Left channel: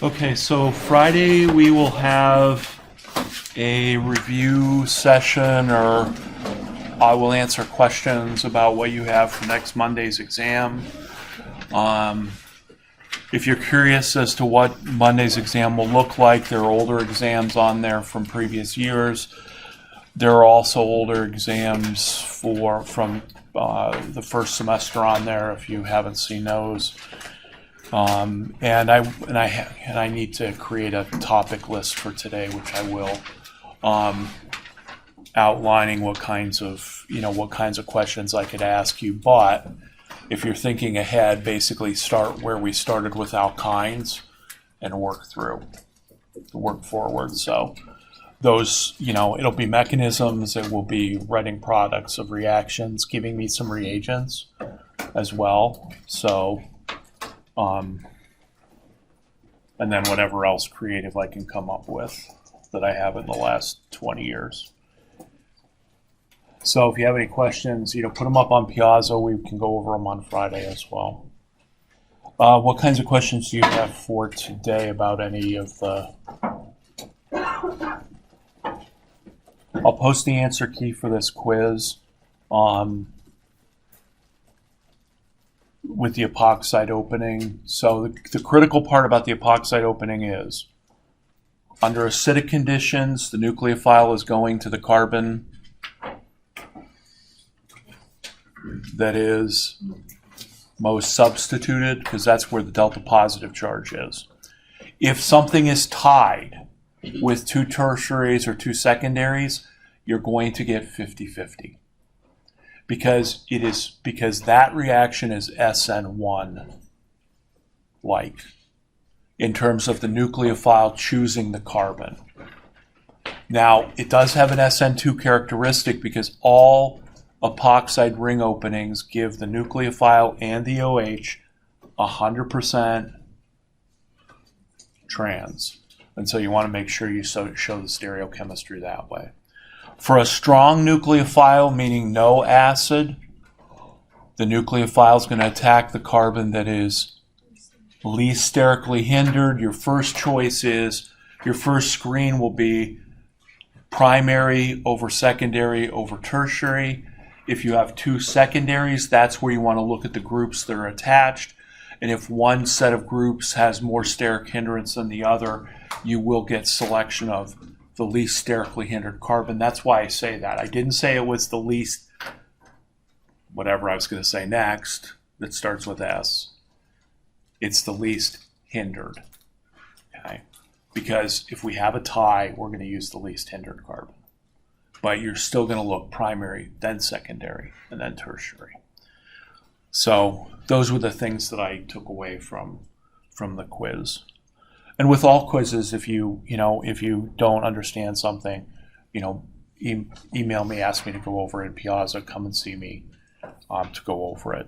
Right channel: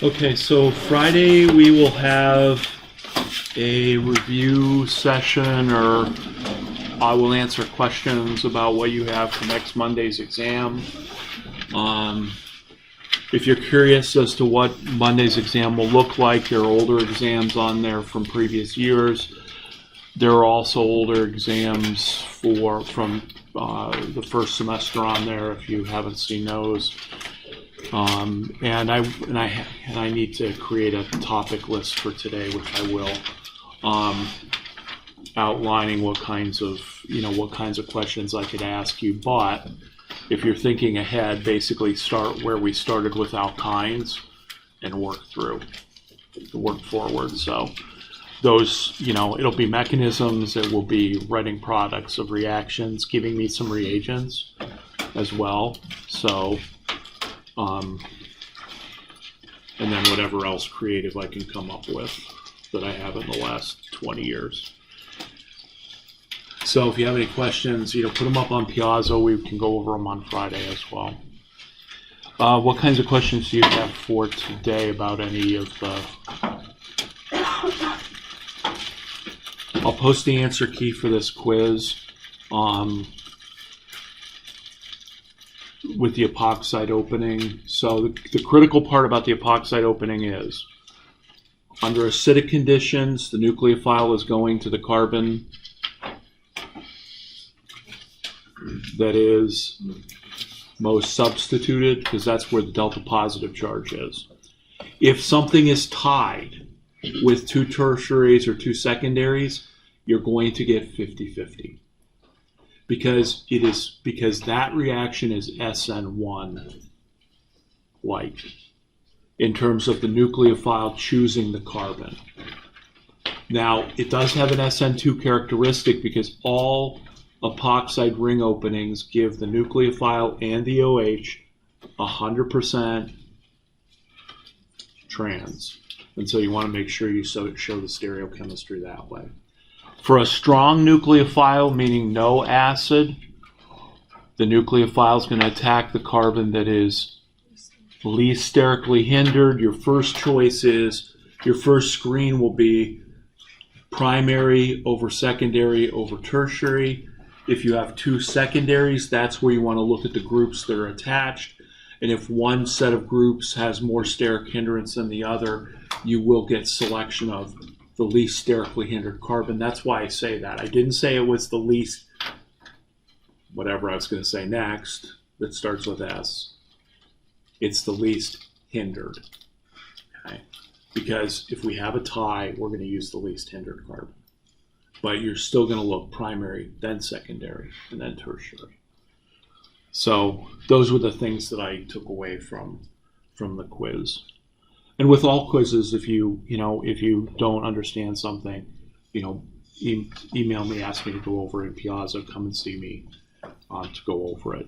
Okay, so Friday we will have a review session, or I will answer questions about what you have for next Monday's exam. If you're curious as to what Monday's exam will look like, there are older exams on there from previous years. There are also older exams from the first semester on there if you haven't seen those. And I need to create a topic list for today, which I will, outlining what kinds of questions I could ask you. But if you're thinking ahead, basically start where we started with alkynes and work forward. So those, it'll be mechanisms, it will be writing products of reactions, giving me some reagents as well. So, and then whatever else creative I can come up with that I have in the last 20 years. So if you have any questions, put them up on Piazza. We can go over them on Friday as well. What kinds of questions do you have for today about any of the... I'll post the answer key for this quiz with the epoxide opening. So the critical part about the epoxide opening is, under acidic conditions, the nucleophile is going to the carbon that is most substituted, because that's where the delta positive charge is. If something is tied with two tertiaries or two secondaries, you're going to get 50-50. Because that reaction is SN1 like in terms of the nucleophile choosing the carbon. Now, it does have an SN2 characteristic because all epoxide ring openings give the nucleophile and the OH 100% trans. And so you want to make sure you show the stereochemistry that way. For a strong nucleophile, meaning no acid, the nucleophile is going to attack the carbon that is least sterically hindered. Your first choice is, your first screen will be primary over secondary over tertiary. If you have two secondaries, that's where you want to look at the groups that are attached. And if one set of groups has more steric hindrance than the other, you will get selection of the least sterically hindered carbon. That's why I say that. I didn't say it was the least, whatever I was going to say next, that starts with S. It's the least hindered. Okay? Because if we have a tie, we're going to use the least hindered carbon. But you're still going to look primary, then secondary, and then tertiary. So those were the things that I took away from the quiz. And with all quizzes, if you don't understand something, email me, ask me to go over it in Piazza, come and see me to go over it.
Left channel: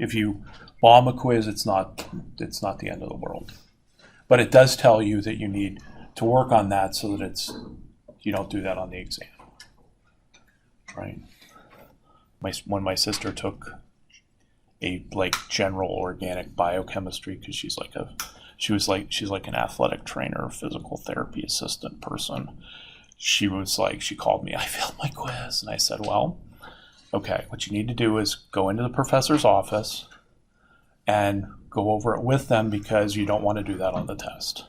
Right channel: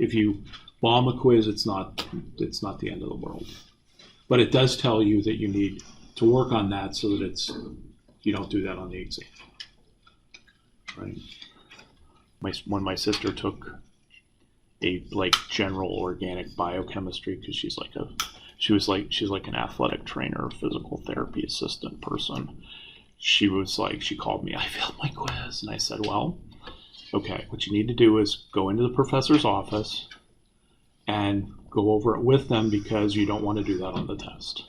If you bomb a quiz, it's not the end of the world. But it does tell you that you need to work on that so that you don't do that on the exam. Right? When my sister took a general organic biochemistry, because she's like an athletic trainer, physical therapy assistant person. She called me, I failed my quiz. And I said, well, okay, what you need to do is go into the professor's office and go over it with them, because you don't want to do that on the test.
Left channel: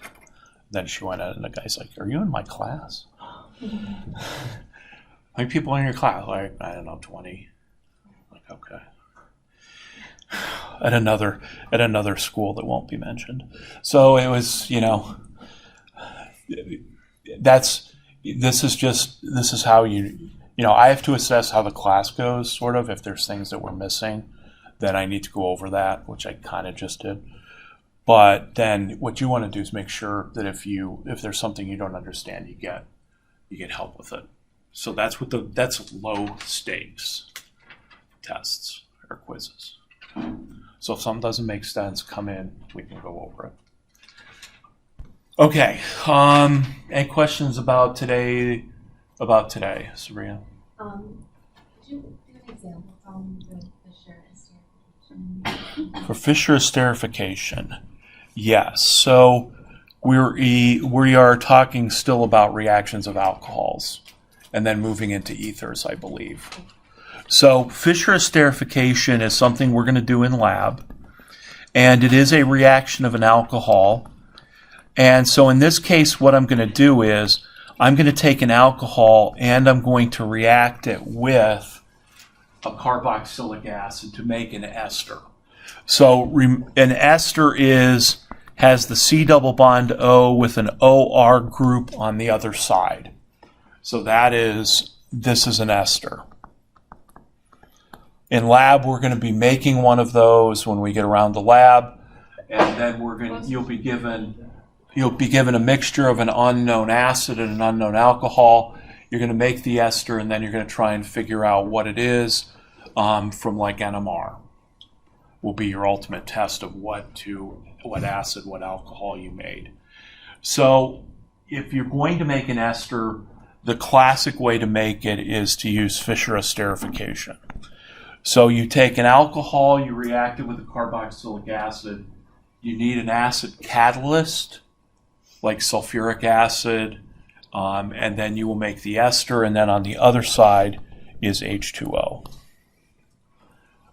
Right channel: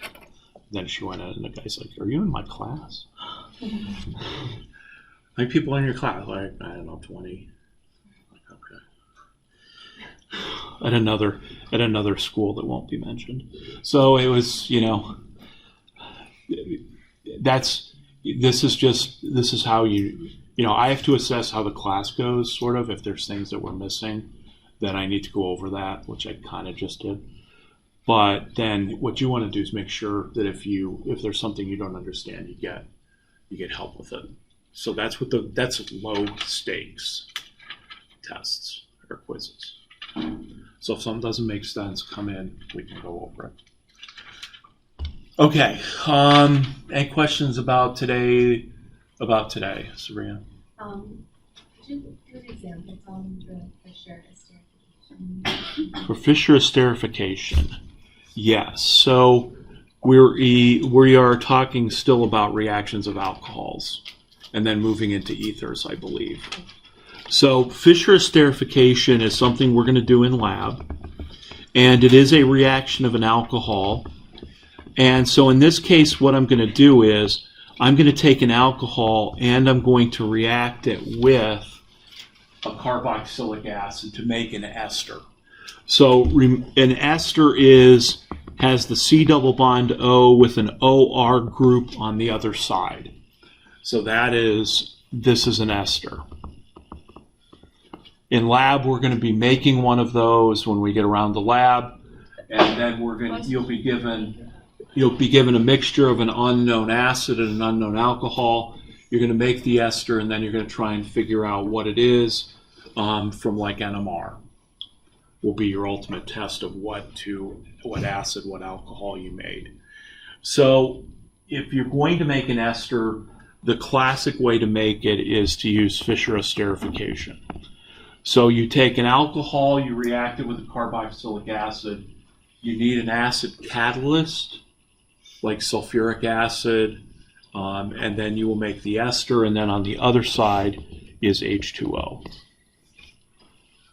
Then she went in and the guy's like, are you in my class? How many people are in your class? Like, I don't know, 20. Like, okay. At another school that won't be mentioned. So it was, this is how I have to assess how the class goes, sort of. If there's things that we're missing, then I need to go over that, which I kind of just did. But then what you want to do is make sure that if there's something you don't understand, you get help with it. So that's low stakes tests or quizzes. So if something doesn't make sense, come in, we can go over it. Okay. Any questions about today, Sabrina? Could you do an example from the Fischer Esterification? For Fischer Esterification, yes. So we are talking still about reactions of alcohols and then moving into ethers, I believe. So Fischer esterification is something we're going to do in lab, and it is a reaction of an alcohol. And so in this case, what I'm going to do is I'm going to take an alcohol and I'm going to react it with a carboxylic acid to make an ester. So an ester has the C double bond O with an OR group on the other side. So this is an ester. In lab, we're going to be making one of those when we get around the lab, and then you'll be given a mixture of an unknown acid and an unknown alcohol. You're going to make the ester, and then you're going to try and figure out what it is from like NMR. Will be your ultimate test of what acid, what alcohol you made. So if you're going to make an ester, the classic way to make it is to use Fischer esterification. So you take an alcohol, you react it with a carboxylic acid. You need an acid catalyst, like sulfuric acid, and then you will make the ester, and then on the other side is H2O.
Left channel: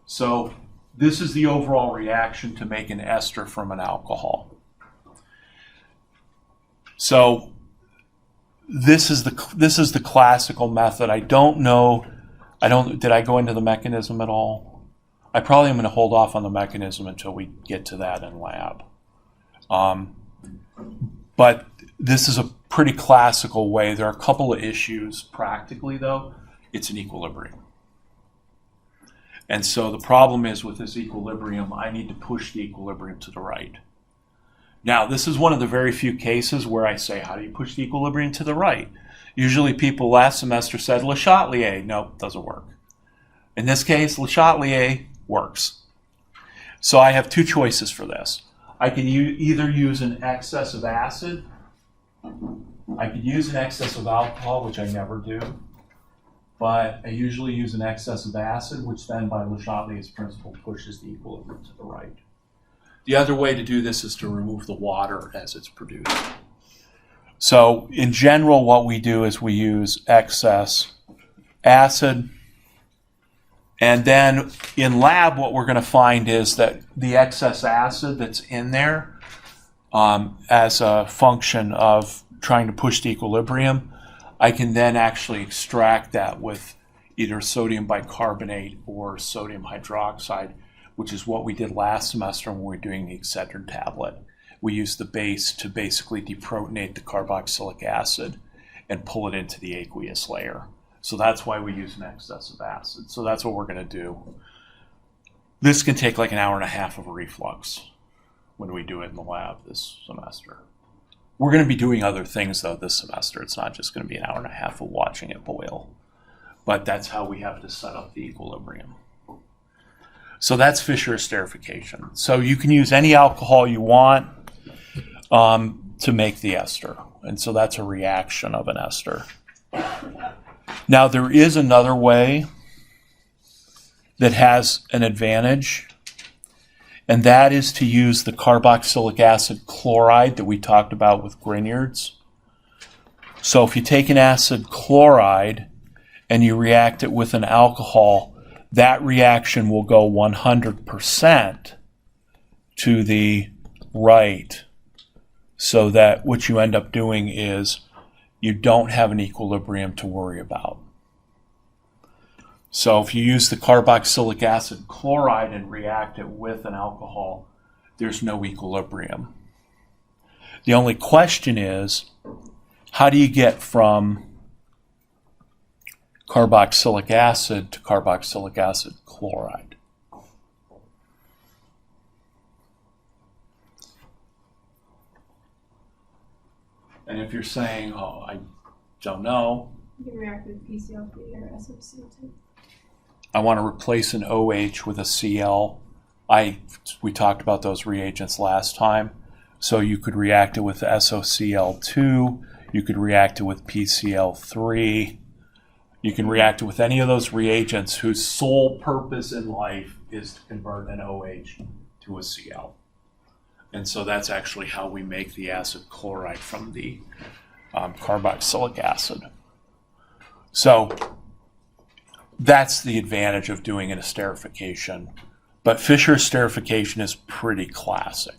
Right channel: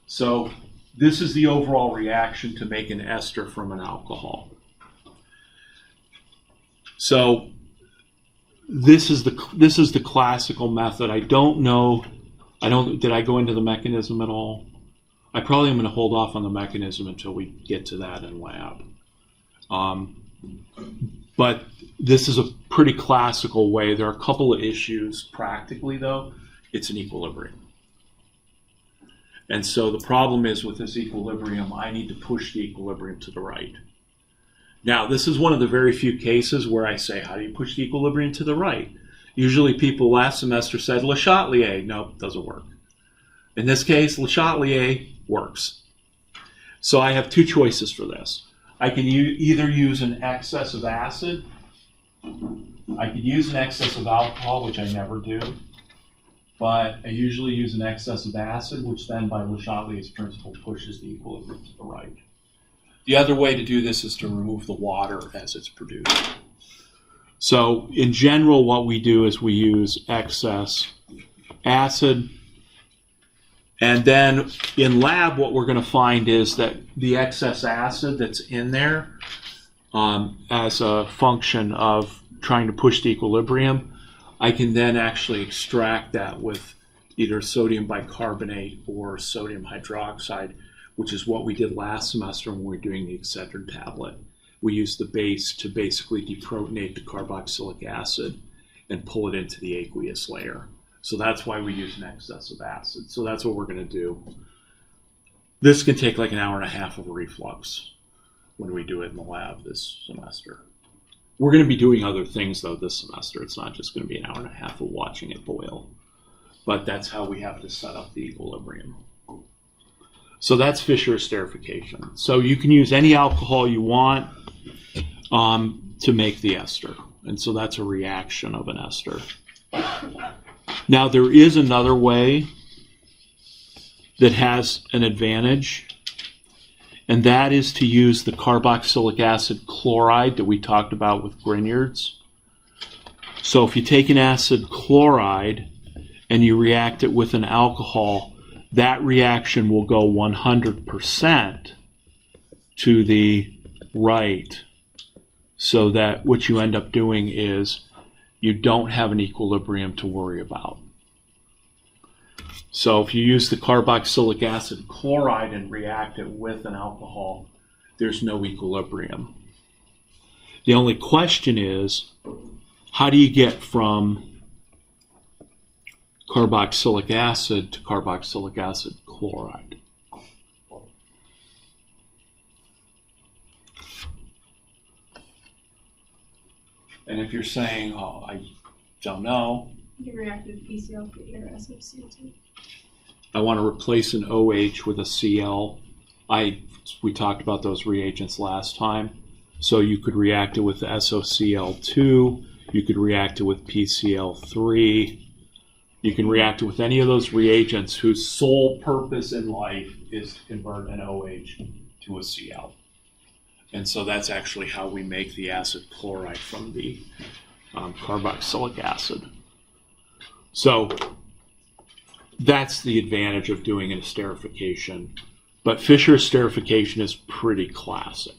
So this is the overall reaction to make an ester from an alcohol. So this is the classical method. Did I go into the mechanism at all? I probably am going to hold off on the mechanism until we get to that in lab. But this is a pretty classical way. There are a couple of issues practically, though. It's an equilibrium. And so the problem is with this equilibrium, I need to push the equilibrium to the right. Now, this is one of the very few cases where I say, how do you push the equilibrium to the right? Usually people last semester said Le Chatelier. Nope, doesn't work. In this case, Le Chatelier works. So I have two choices for this. I can either use an excess of acid. I could use an excess of alcohol, which I never do. But I usually use an excess of acid, which then by Le Chatelier's principle pushes the equilibrium to the right. The other way to do this is to remove the water as it's produced. So in general, what we do is we use excess acid. And then in lab, what we're going to find is that the excess acid that's in there as a function of trying to push the equilibrium, I can then actually extract that with either sodium bicarbonate or sodium hydroxide, which is what we did last semester when we were doing the Excedrin tablet. We used the base to basically deprotonate the carboxylic acid and pull it into the aqueous layer. So that's why we use an excess of acid. So that's what we're going to do. This can take like an hour and a half of reflux when we do it in the lab this semester. We're going to be doing other things, though, this semester. It's not just going to be an hour and a half of watching it boil. But that's how we have to set up the equilibrium. So that's Fischer esterification. So you can use any alcohol you want to make the ester. And so that's a reaction of an ester. Now, there is another way that has an advantage, and that is to use the carboxylic acid chloride that we talked about with Grignards. So if you take an acid chloride and you react it with an alcohol, that reaction will go 100% to the right, so that what you end up doing is you don't have an equilibrium to worry about. So if you use the carboxylic acid chloride and react it with an alcohol, there's no equilibrium. The only question is, how do you get from carboxylic acid to carboxylic acid chloride? And if you're saying, oh, I don't know. You can react with PCl3 or SOCl2. I want to replace an OH with a Cl. We talked about those reagents last time. So you could react it with SOCl2. You could react it with PCl3. You can react it with any of those reagents whose sole purpose in life is to convert an OH to a Cl. And so that's actually how we make the acid chloride from the carboxylic acid. So that's the advantage of doing an esterification. But Fischer esterification is pretty classic.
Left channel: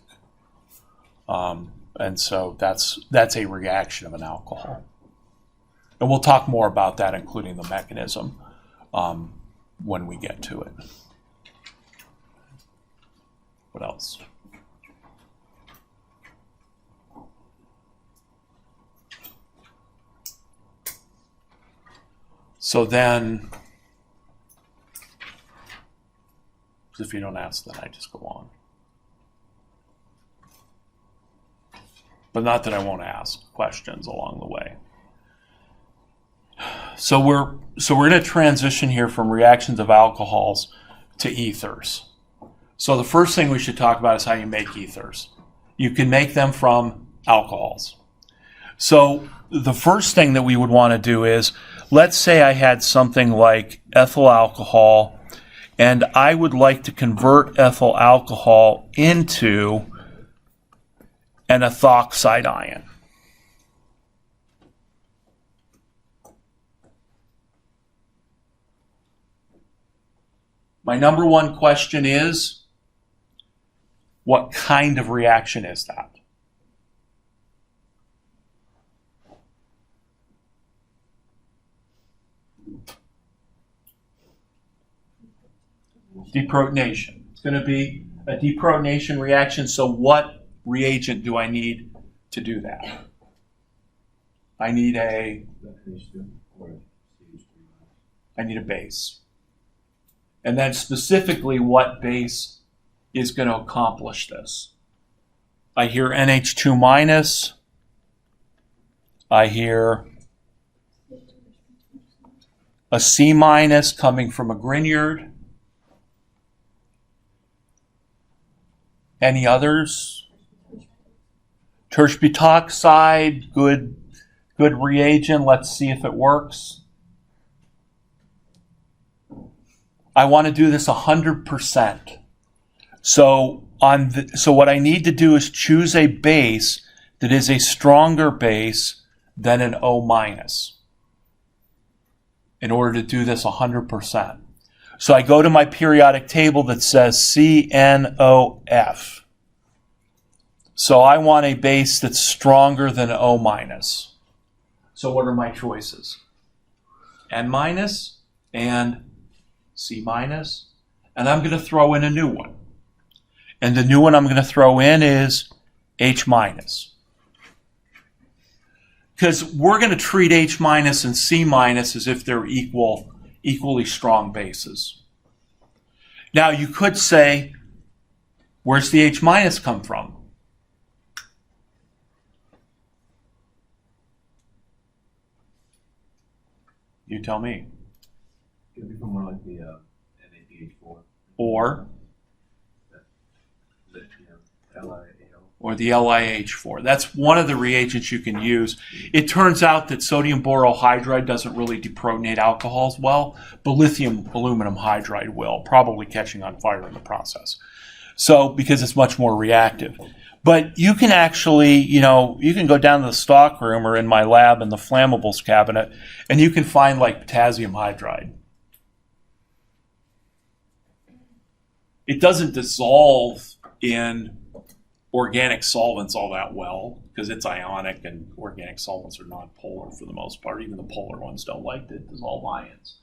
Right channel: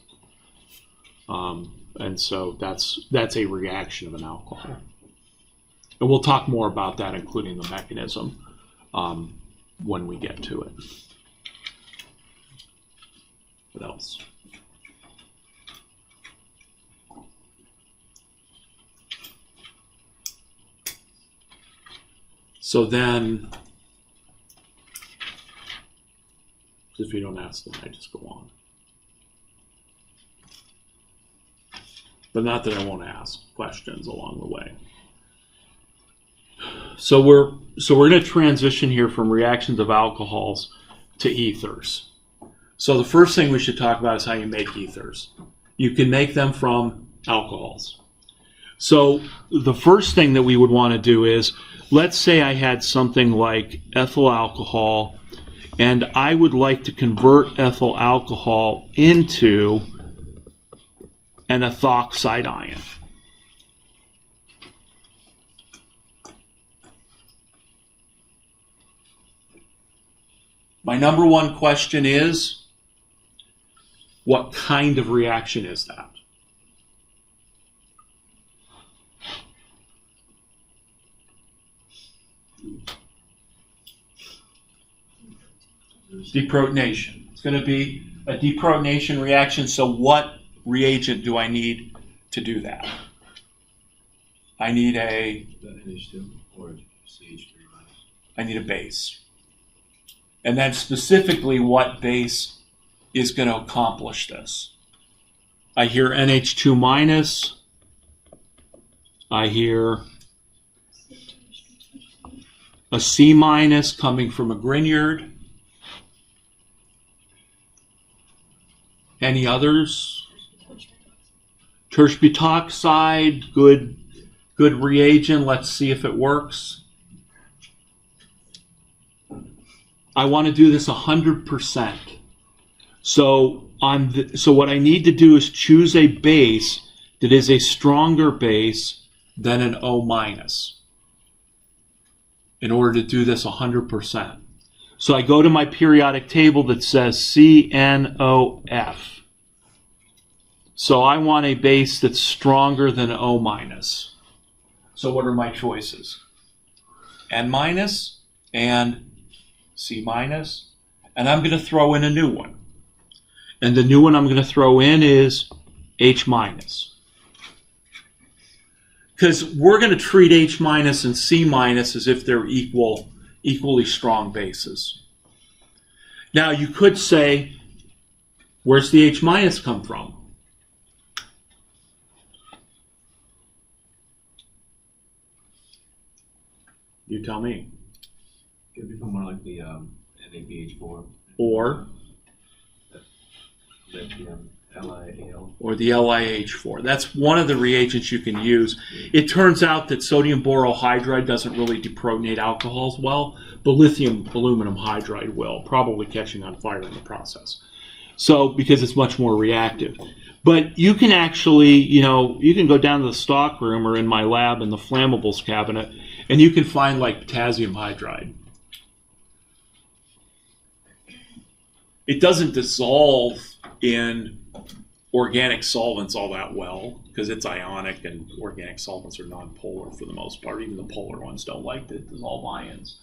And so that's a reaction of an alcohol. And we'll talk more about that, including the mechanism, when we get to it. What else? So then, if you don't ask, then I just go on. But not that I won't ask questions along the way. So we're going to transition here from reactions of alcohols to ethers. So the first thing we should talk about is how you make ethers. You can make them from alcohols. So the first thing that we would want to do is, let's say I had something like ethyl alcohol, and I would like to convert ethyl alcohol into an ethoxide ion. My number one question is, what kind of reaction is that? Deprotonation. It's going to be a deprotonation reaction. So what reagent do I need to do that? I need a NH2 or CH3 I need a base. And then specifically what base is going to accomplish this? I hear NH2 minus. I hear a C minus coming from a Grignard. Any others? Tertiary butoxide, good reagent. Let's see if it works. I want to do this 100%. So what I need to do is choose a base that is a stronger base than an O minus in order to do this 100%. So I go to my periodic table that says CNOF. So I want a base that's stronger than O minus. So what are my choices? N minus and C minus. And I'm going to throw in a new one. And the new one I'm going to throw in is H minus. Because we're going to treat H minus and C minus as if they're equally strong bases. Now you could say, where's the H minus come from? You tell me. Could be from more like the NABH4 Or lithium, LiAl. Or the LiH4. That's one of the reagents you can use. It turns out that sodium borohydride doesn't really deprotonate alcohols well, but lithium aluminum hydride will, probably catching on fire in the process. So, because it's much more reactive. But you can actually, you can go down to the stock room or in my lab in the flammables cabinet, and you can find like potassium hydride. It doesn't dissolve in organic solvents all that well because it's ionic, and organic solvents are non-polar for the most part. Even the polar ones don't like to dissolve ions.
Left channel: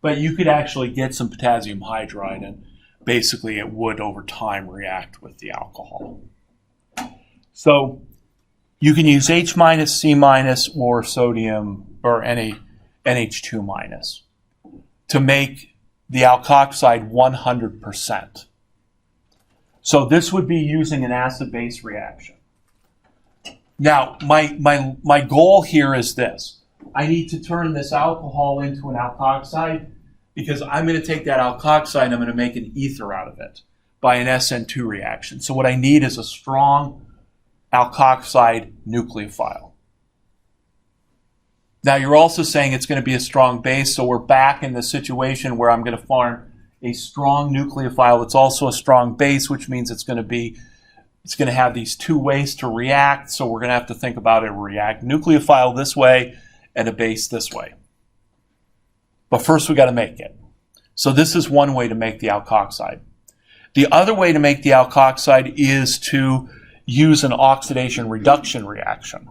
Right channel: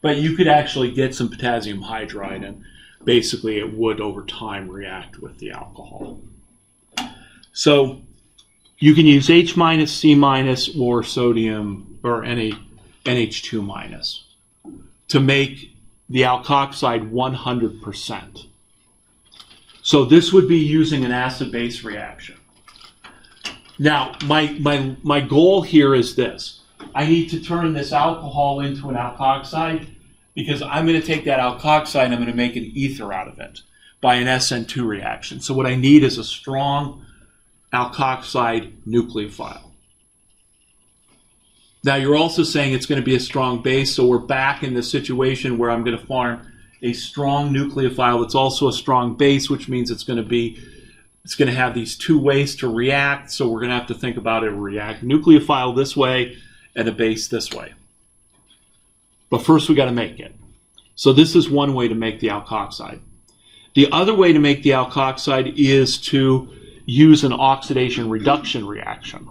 But you could actually get some potassium hydride, and basically it would over time react with the alcohol. So you can use H minus, C minus, or sodium or NH2 minus to make the alkoxide 100%. So this would be using an acid-base reaction. Now, my goal here is this. I need to turn this alcohol into an alkoxide because I'm going to take that alkoxide and I'm going to make an ether out of it by an SN2 reaction. So what I need is a strong alkoxide nucleophile. Now you're also saying it's going to be a strong base, so we're back in the situation where I'm going to form a strong nucleophile that's also a strong base, which means it's going to be It's going to have these two ways to react, so we're going to have to think about it. React nucleophile this way and a base this way. But first we got to make it. So this is one way to make the alkoxide. The other way to make the alkoxide is to use an oxidation reduction reaction.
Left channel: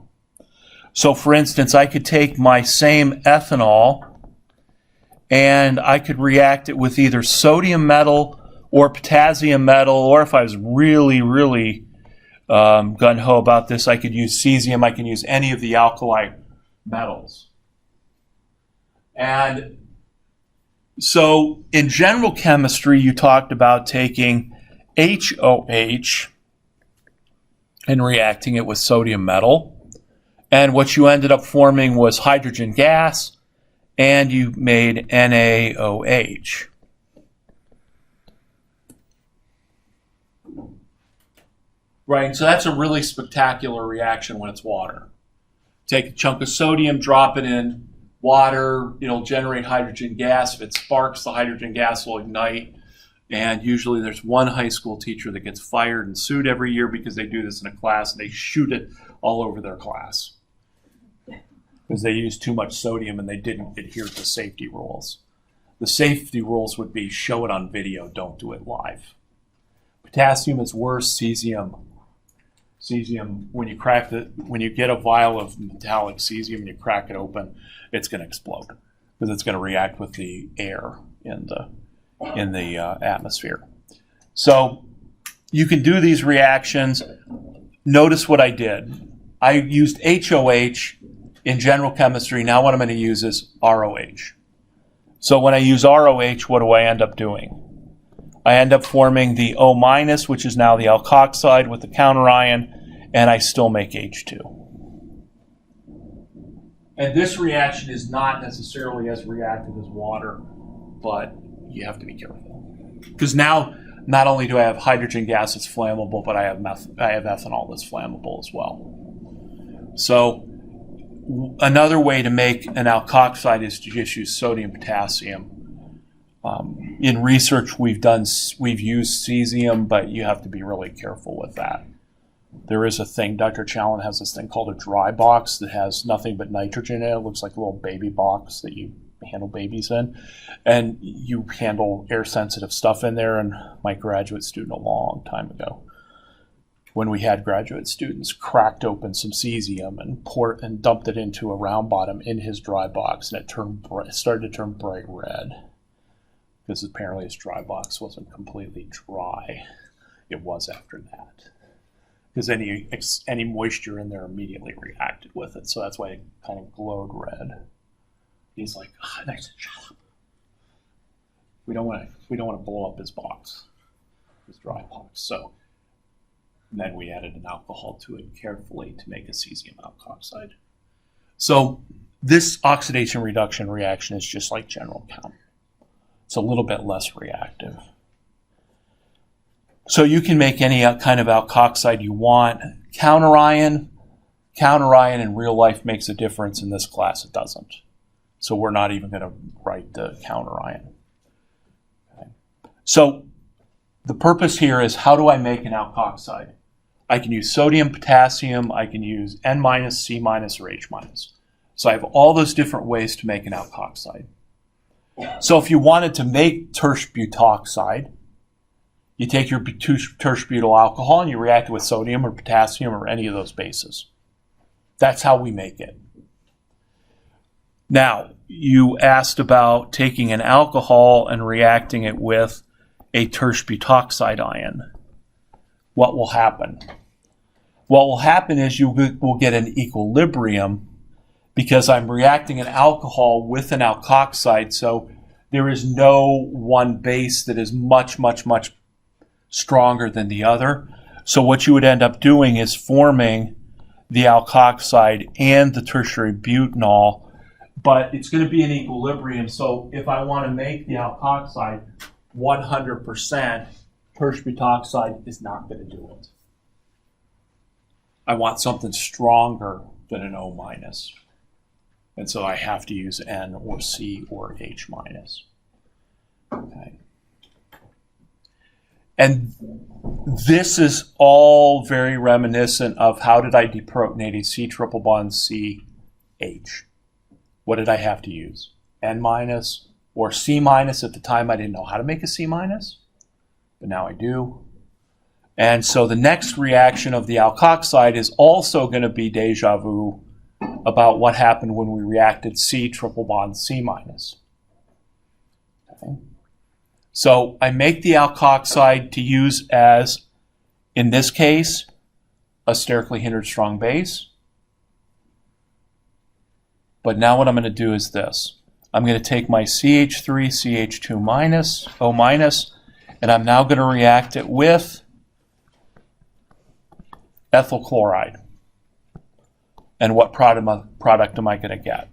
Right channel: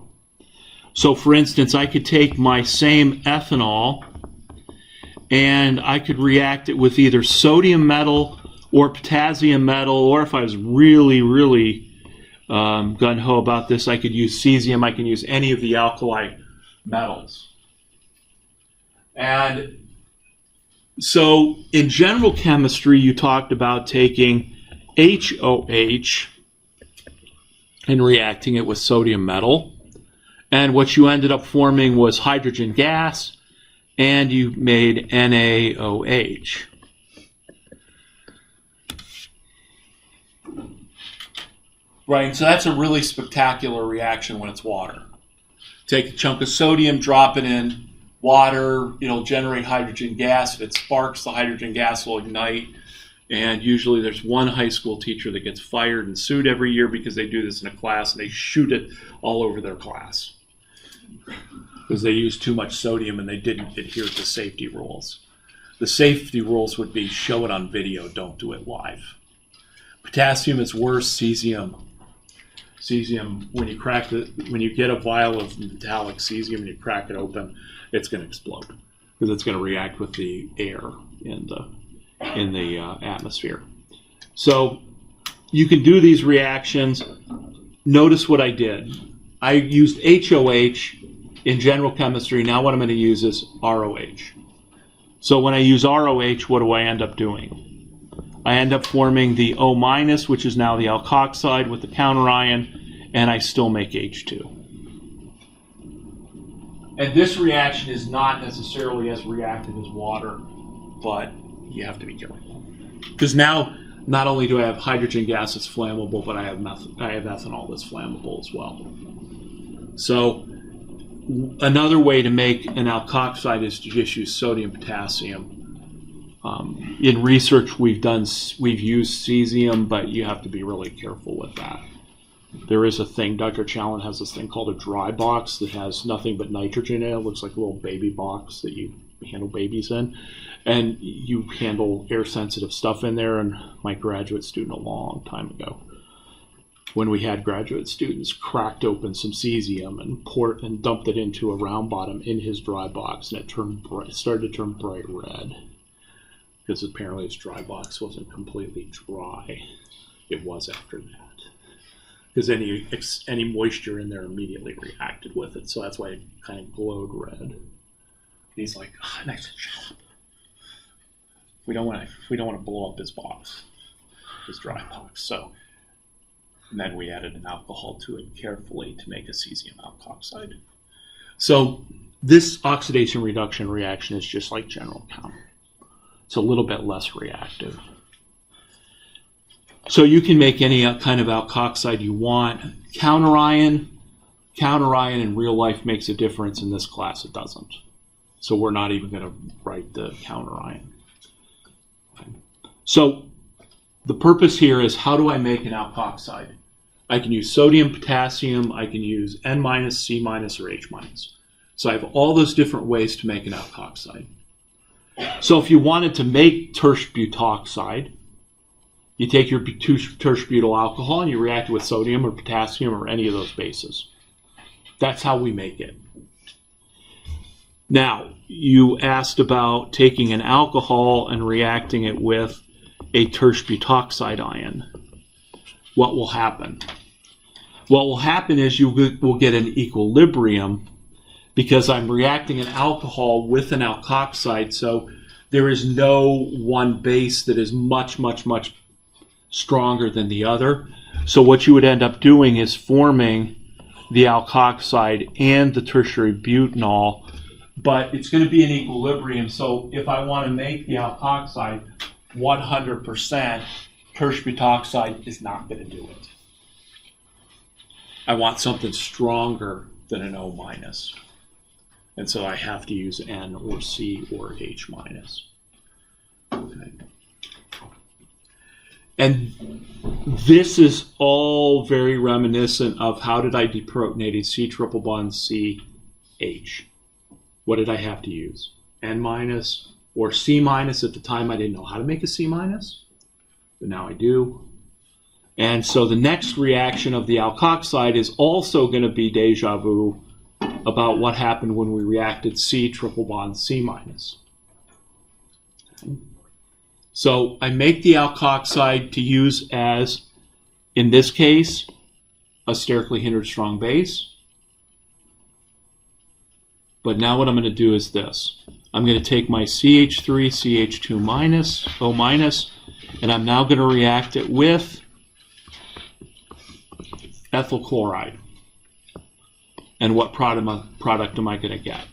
So for instance, I could take my same ethanol and I could react it with either sodium metal or potassium metal, or if I was really, really gung-ho about this, I could use cesium. I can use any of the alkali metals. And so in general chemistry, you talked about taking HOH and reacting it with sodium metal. And what you ended up forming was hydrogen gas, and you made NaOH. Right, so that's a really spectacular reaction when it's water. Take a chunk of sodium, drop it in water, it'll generate hydrogen gas. If it sparks, the hydrogen gas will ignite. And usually there's one high school teacher that gets fired and sued every year because they do this in a class and they shoot it all over their class because they used too much sodium and they didn't adhere to safety rules. The safety rules would be show it on video, don't do it live. Potassium is worse. Cesium, when you get a vial of metallic cesium and you crack it open, it's going to explode because it's going to react with the air in the atmosphere. So you can do these reactions. Notice what I did. I used HOH in general chemistry. Now what I'm going to use is ROH. So when I use ROH, what do I end up doing? I end up forming the O-, which is now the alkoxide with the counter ion, and I still make H2. And this reaction is not necessarily as reactive as water, but you have to be careful. Because now, not only do I have hydrogen gas that's flammable, but I have ethanol that's flammable as well. So another way to make an alkoxide is to just use sodium potassium. In research we've used cesium, but you have to be really careful with that. There is a thing, Dr. Challen has this thing called a dry box that has nothing but nitrogen in it. It looks like a little baby box that you handle babies in. And you handle air-sensitive stuff in there. And my graduate student a long time ago, when we had graduate students, cracked open some cesium and dumped it into a round bottom in his dry box. And it started to turn bright red. Because apparently his dry box wasn't completely dry. It was after that. Because any moisture in there immediately reacted with it. So that's why it kind of glowed red. He's like, oh, nice job. We don't want to blow up his box, his dry box. So and then we added an alcohol to it carefully to make a cesium alkoxide. So this oxidation reduction reaction is just like general chem. It's a little bit less reactive. So you can make any kind of alkoxide you want. Counter ion in real life makes a difference. In this class, it doesn't. So we're not even going to write the counter ion. Okay. So the purpose here is, how do I make an alkoxide? I can use sodium, potassium. I can use N-, C-, or H-. So I have all those different ways to make an alkoxide. So if you wanted to make tertiary butoxide, you take your tertiary butyl alcohol and you react it with sodium or potassium or any of those bases. That's how we make it. Now, you asked about taking an alcohol and reacting it with a tertiary butoxide ion. What will happen? What will happen is you will get an equilibrium because I'm reacting an alcohol with an alkoxide, so there is no one base that is much, much, much stronger than the other. So what you would end up doing is forming the alkoxide and the tertiary butanol, but it's going to be an equilibrium. So if I want to make the alkoxide 100%, tertiary butoxide is not going to do it. I want something stronger than an O-. And so I have to use N or C or H-. Okay. And This is all very reminiscent of how did I deprotonate a C triple bond CH. What did I have to use? N minus or C minus. At the time I didn't know how to make a C minus, but now I do. And so the next reaction of the alkoxide is also going to be deja vu about what happened when we reacted C triple bond C minus. Okay. So I make the alkoxide to use as, in this case, a sterically hindered strong base. But now what I'm going to do is this. I'm going to take my CH3, CH2 minus, O minus, and I'm now going to react it with ethyl chloride. And what product am I going to get?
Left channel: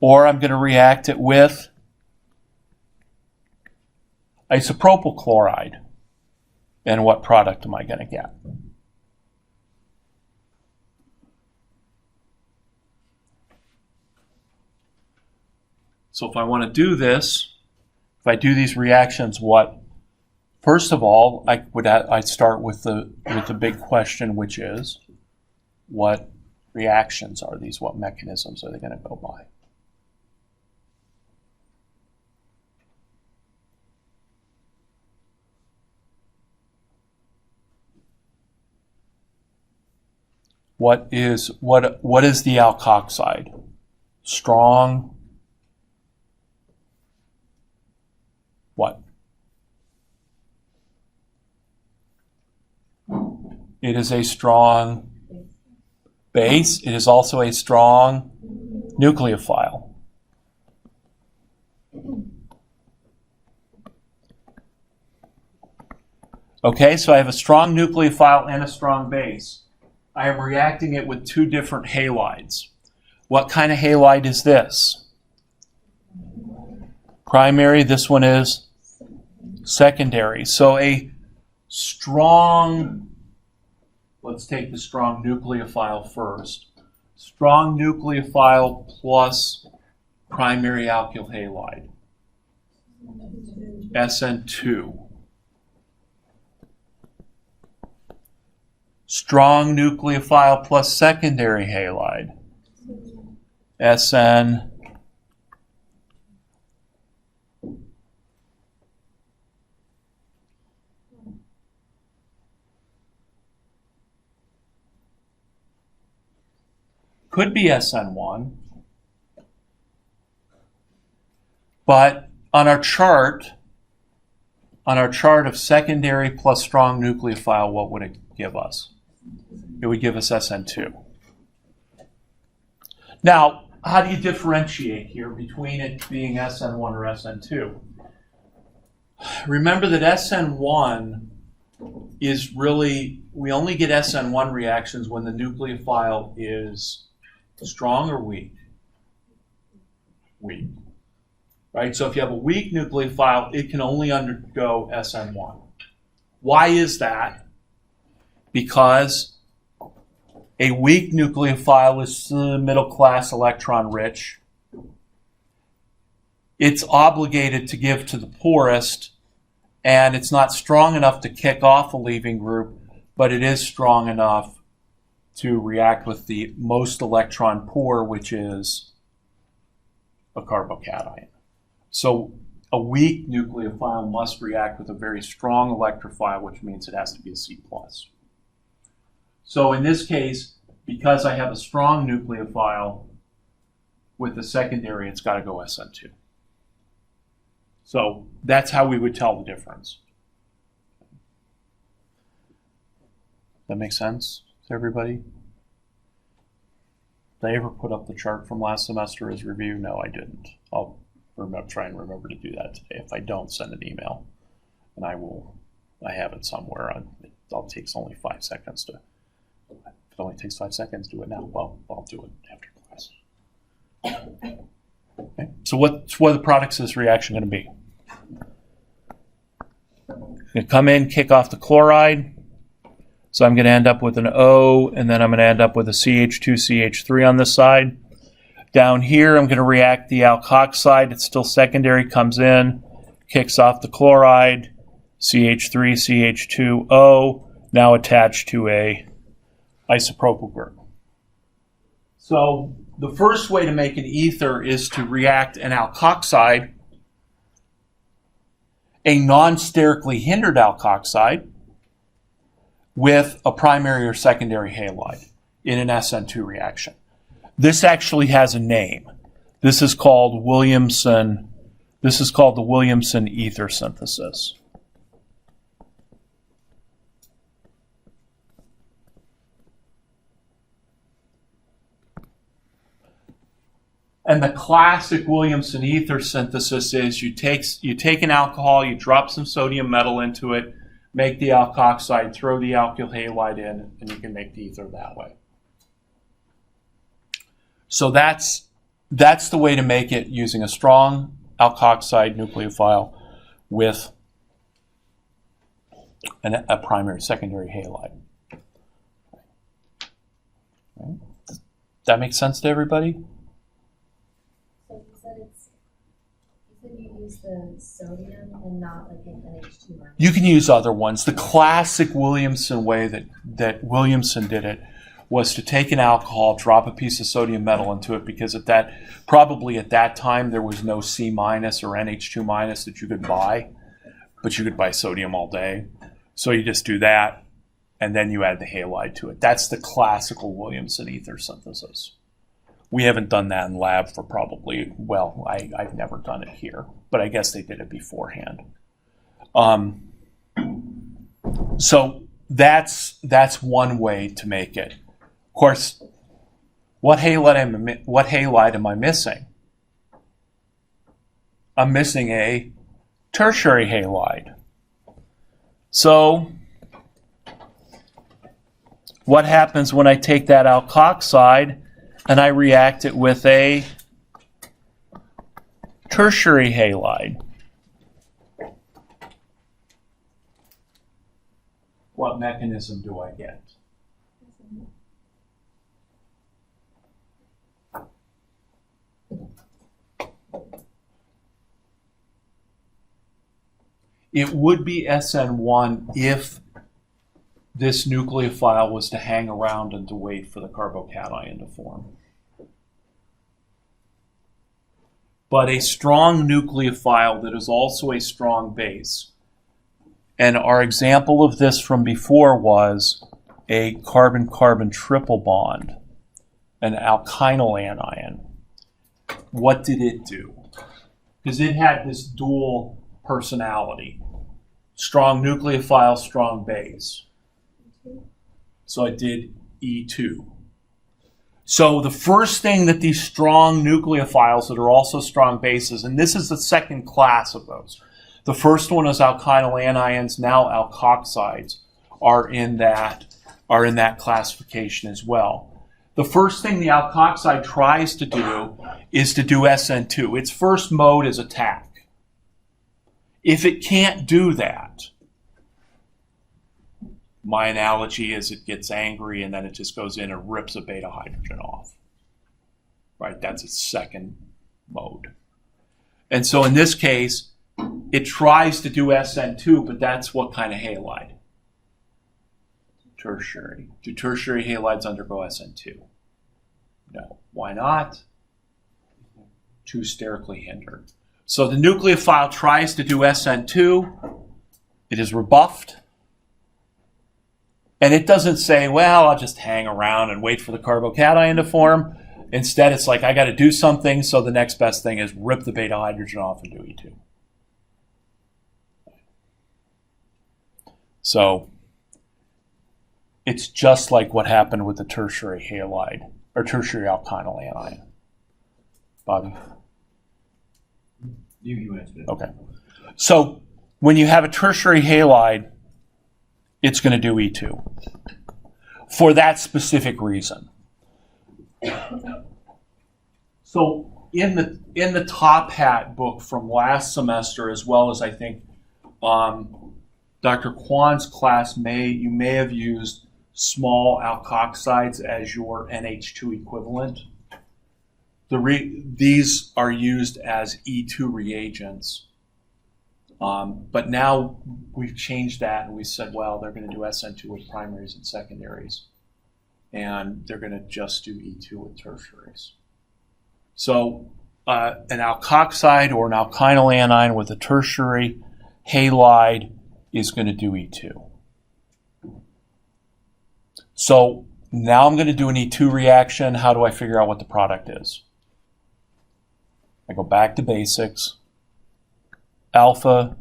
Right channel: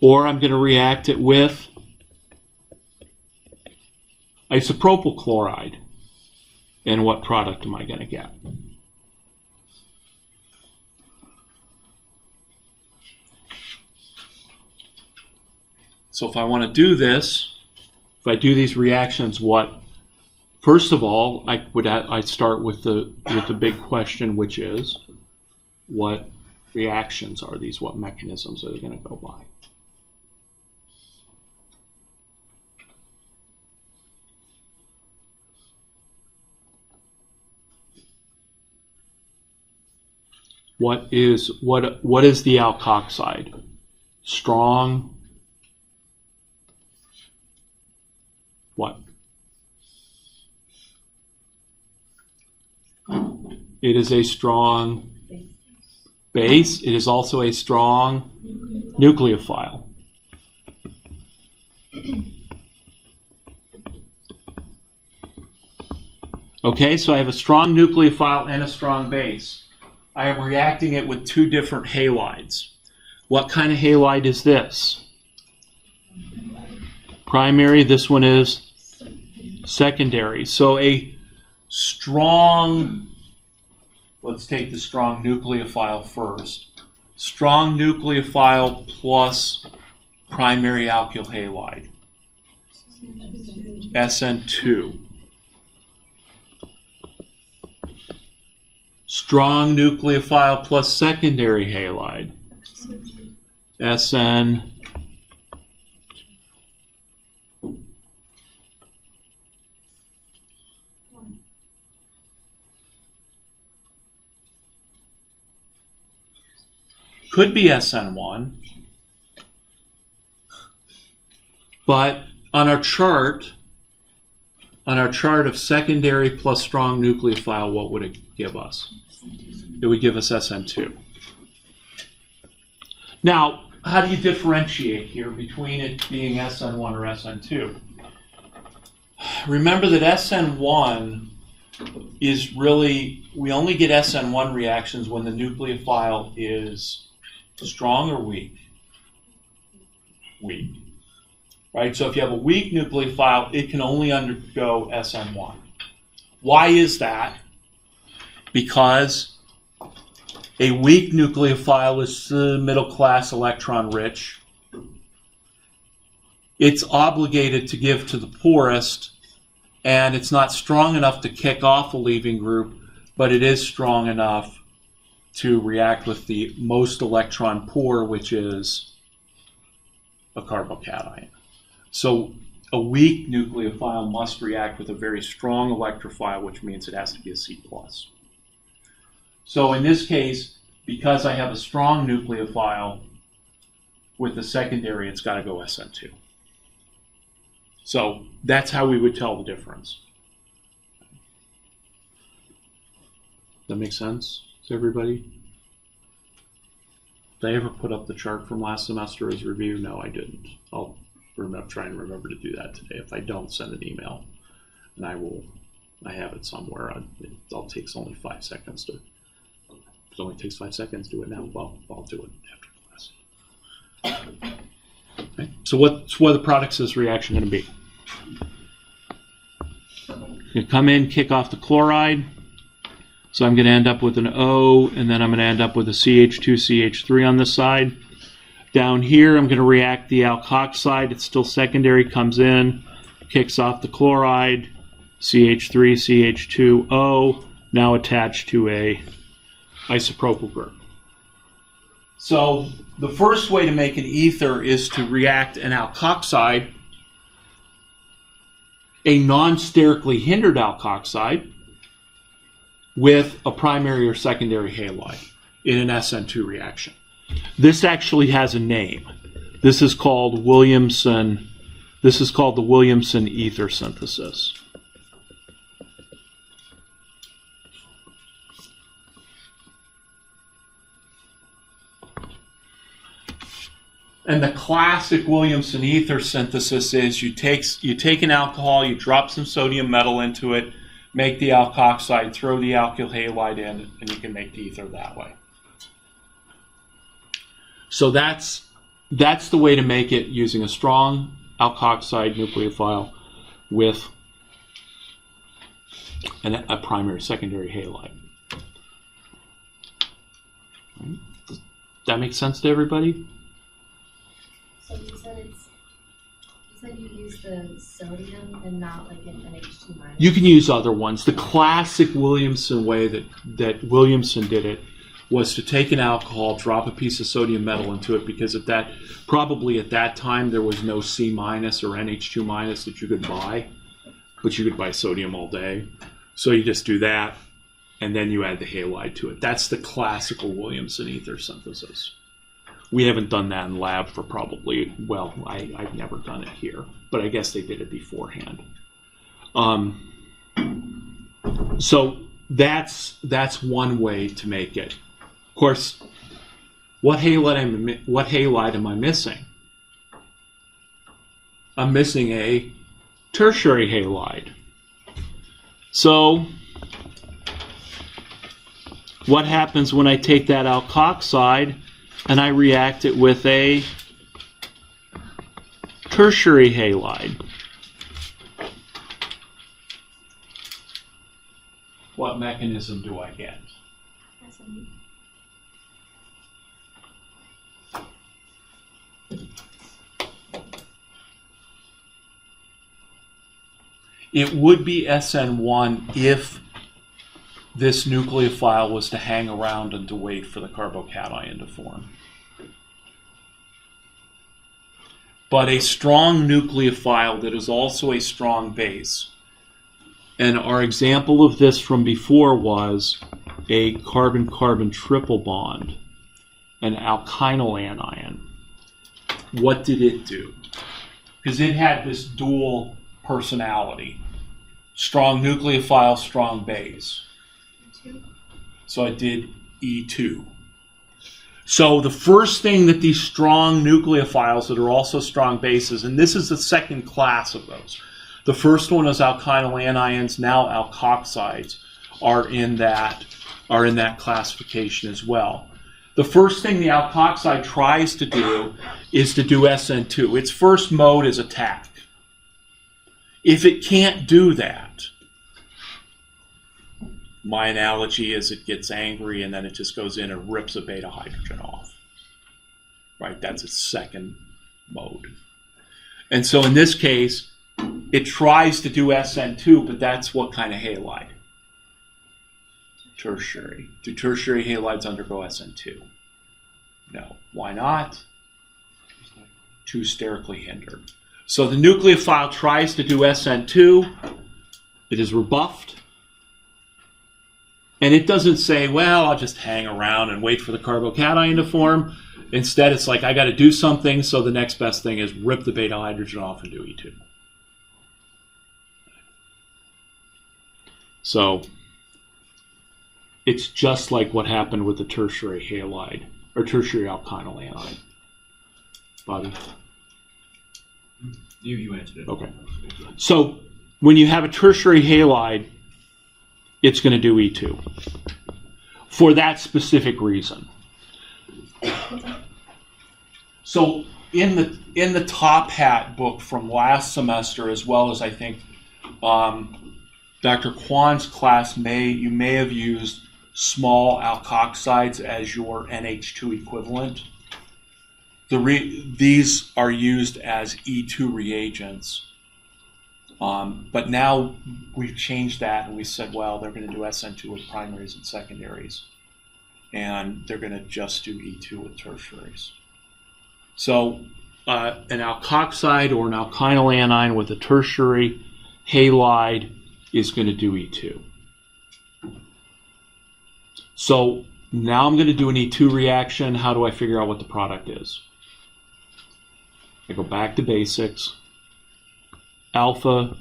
Or I'm going to react it with isopropyl chloride. And what product am I going to get? So if I want to do this, if I do these reactions, first of all, I'd start with the big question, which is, what reactions are these? What mechanisms are they going to go by? What is the alkoxide? Strong. What? It is a strong base. It is also a strong nucleophile. Okay, so I have a strong nucleophile and a strong base. I am reacting it with two different halides. What kind of halide is this? Primary. This one is secondary. So a strong, let's take the strong nucleophile first. Strong nucleophile plus primary alkyl halide. SN2. Strong nucleophile plus secondary halide. SN. Could be SN1. But on our chart of secondary plus strong nucleophile, what would it give us? It would give us SN2. Now, how do you differentiate here between it being SN1 or SN2? Remember that SN1 is really, we only get SN1 reactions when the nucleophile is strong or weak? Weak. Right? So if you have a weak nucleophile, it can only undergo SN1. Why is that? Because a weak nucleophile is middle class electron rich. It's obligated to give to the poorest, and it's not strong enough to kick off a leaving group, but it is strong enough to react with the most electron poor, which is a carbocation. So a weak nucleophile must react with a very strong electrophile, which means it has to be a C+. So in this case, because I have a strong nucleophile with the secondary, it's got to go SN2. So that's how we would tell the difference. That make sense to everybody? Did I ever put up the chart from last semester as review? No, I didn't. I'll try and remember to do that today. If I don't, send an email, and I have it somewhere. It all takes only 5 seconds to. It only takes 5 seconds. Do it now. Well, I'll do it after class. Okay. So what are the products of this reaction going to be? Going to come in, kick off the chloride. So I'm going to end up with an O, and then I'm going to end up with a CH2, CH3 on this side. Down here, I'm going to react the alkoxide. It's still secondary, comes in, kicks off the chloride, CH3, CH2O, now attached to a isopropyl group. So the first way to make an ether is to react an alkoxide, a non-sterically hindered alkoxide, with a primary or secondary halide in an SN2 reaction. This actually has a name. This is called Williamson. This is called the Williamson ether synthesis. And the classic Williamson ether synthesis is you take an alcohol, you drop some sodium metal into it, make the alkoxide, throw the alkyl halide in, and you can make the ether that way. So that's the way to make it, using a strong alkoxide nucleophile with a primary secondary halide. Right. Does that make sense to everybody? So you use the sodium and not like an NH2 minus? You can use other ones. The classic Williamson way that Williamson did it was to take an alcohol, drop a piece of sodium metal into it, because probably at that time there was no C minus or NH2 minus that you could buy, but you could buy sodium all day. So you just do that, and then you add the halide to it. That's the classical Williamson ether synthesis. We haven't done that in lab for probably, well, I've never done it here, but I guess they did it beforehand. So that's one way to make it. Of course, what halide am I missing? I'm missing a tertiary halide. So what happens when I take that alkoxide and I react it with a tertiary halide? What mechanism do I get? It would be SN1 if this nucleophile was to hang around and to wait for the carbocation to form. But a strong nucleophile that is also a strong base. And our example of this from before was a carbon-carbon triple bond, an alkynyl anion. What did it do? Because it had this dual personality. Strong nucleophile, strong base. So it did E2. So the first thing that these strong nucleophiles that are also strong bases, and this is the second class of those. The first one is alkynyl anions, now alkoxides are in that classification as well. The first thing the alkoxide tries to do is to do SN2. Its first mode is attack. If it can't do that, my analogy is it gets angry and then it just goes in and rips a beta hydrogen off. Right, that's its second mode. And so in this case, it tries to do SN2, but that's what kind of halide? Tertiary. Do tertiary halides undergo SN2? No. Why not? Too sterically hindered. So the nucleophile tries to do SN2. It is rebuffed. And it doesn't say, well, I'll just hang around and wait for the carbocation to form. Instead, it's like, I got to do something, so the next best thing is rip the beta hydrogen off and do E2. So it's just like what happened with the tertiary halide, or tertiary alkynyl anion. Bobby? You answered it. Okay. So when you have a tertiary halide, it's going to do E2 for that specific reason. So in the Top Hat book from last semester, as well as I think Dr. Kwan's class, you may have used small alkoxides as your NH2 equivalent. These are used as E2 reagents But now we've changed that and we said, well, they're going to do SN2 with primaries and secondaries. And they're going to just do E2 with tertiaries. So an alkoxide or an alkynyl anion with a tertiary halide is going to do E2. So now I'm going to do an E2 reaction. How do I figure out what the product is? I go back to basics. Alpha,